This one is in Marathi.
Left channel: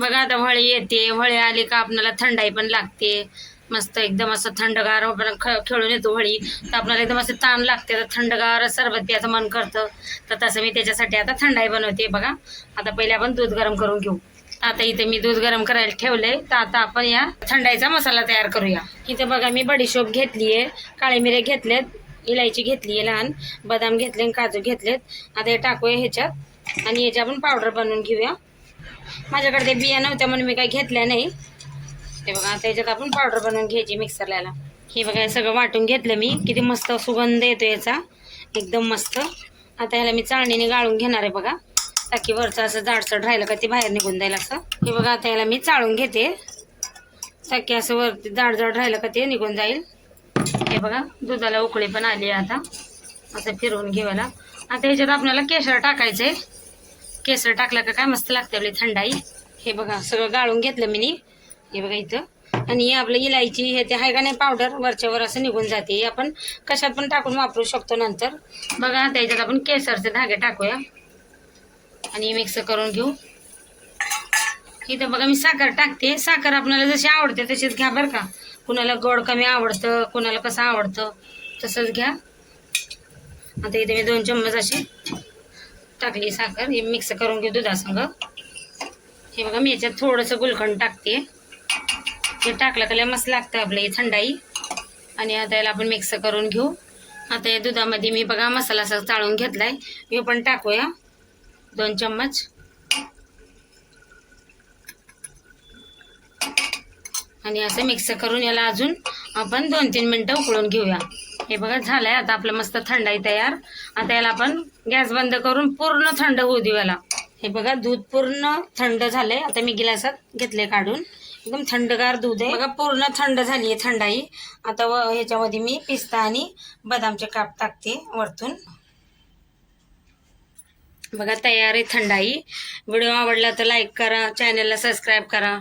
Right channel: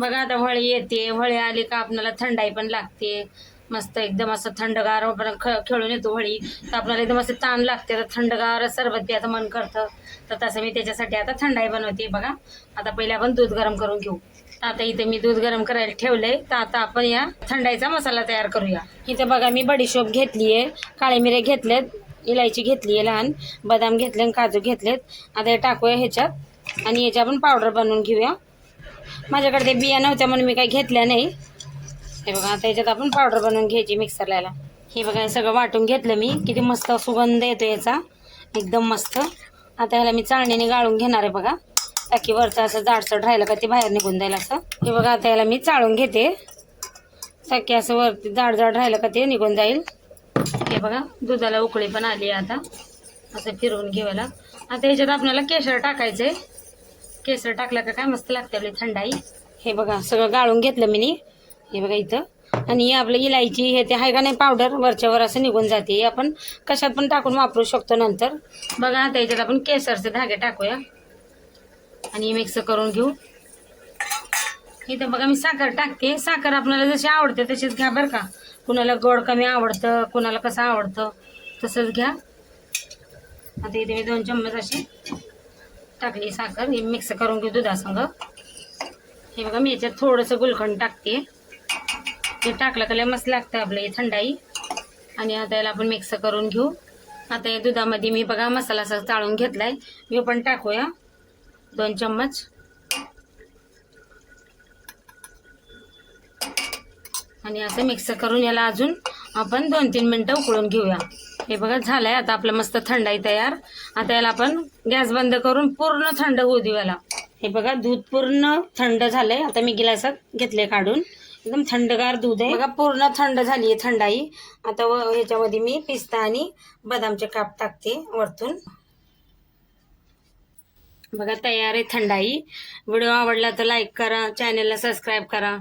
बघा आता होळी येते होळी आली का आपल्याला थंडाई पण लागते. मस्त एकदम असं थंडगार आपण ख खेळून येतो होळी तर आपल्याला एकदम असं ताण लागते तर थंडगार सरबत प्यायचं मन करतं. तर तसं मी त्याच्यासाठी आता थंडाई बनवते बघा. आता पहिले आपण दूध गरम करून घेऊ. आता इथे मी दूध गरम करायला ठेवलंय. तर आता आपण या थंडाईचा मसाला तयार करूया. इथे बघा मी बडीशोप घेतली आहे काळे मिरे घेतलेत इलायची घेतली आहे लहान बदाम घेतले आणि काजू घेतलेत. आता हे टाकूया ह्याच्यात आणि ह्याच्या आपण पावडर बनवून घेऊया. माझ्याकडे ते बिया नव्हत्या म्हणून मी काही घेतल्या नाही. हे बघा आता आपण पावडर बनवून घ्यायची मिक्सरला हे बघा हे सगळं वाटून घेतलं मी. किती मस्त सुगंध येतो याचा. एकदम मस्त. आता ह्याला मी चाळणीने गाळून घेणार आहे बघा. ताकी वरचं असं जाडसड राहिलं का ते बाहेर निघून जाईल असं. हे बघा आता ह्याला मी चाळून घेते. ताकी असं वरती जाड जाड राहिलं का ते निघून जाईल. हे बघा दुधाला उकळी पण आली आहे आता. असं फिरवून घेऊयाला आता ह्याच्यात आपल्याला केशर टाकायचं आहे केसर टाकलं का काय मस्त लागते आपली थंडाई. हे बघा सगळं गाळून घेतलं मी हे बघा इथं. आणि आपलं इलायची हे ते आहे का नाही पावडर वरच्यावर असं निघून जाते. आपण कशात पण टाकून वापरू शकतो नंतर. बघा आता याच्यात आपण केसरचे धागे टाकूया. आणि मिक्स करून घेऊ. इथं बघा मी साखर टाकते. साखर आपल्याला जशी आवडते तशीच घ्या बरं का. कुणाला गोड कमी आवडतं कुणाला कसं आवडतं तसंच घ्या. आता इथे मी दोन चम्मच अशी टाकली साखर हे मिक्स करून घेऊ दुधासंग. हे बघा मी याच्यात थोडंसं गुलखंड टाकते. हे टाकलं का लय मस्त लागतं आपलं हे थंडाई. आणि आता याला आपण मिक्स करून घेऊ. आता या दुधामध्ये मी बघा मसाला असा चाळून आहे हे पण टाकूया. दोन चम्मच. आणि असं मिक्स करून याला अजून आपण दोन तीन मिनटं उकळून घेऊया. हे बघा झालंय. आता आपलं मस्त थंडाई तयार. आता याला आपण गॅस बंद करून पूर्ण थंड होऊ देऊ याला. हे बघा दूध पूर्ण थंड झालंय. आता मी गिलासात घेतले काढून. एकदम थंडगार दूध आहे. बघा पूर्ण थंड झाली आहे थंडाई. आता व ह्याच्यामध्ये मी पिस्ता आणि बदामचे काप टाकते वरतून. बघा तयार आहे थंडाई. व्हिडिओ आवडला तर लाईक करा. चॅनलला सबस्क्राईब करा.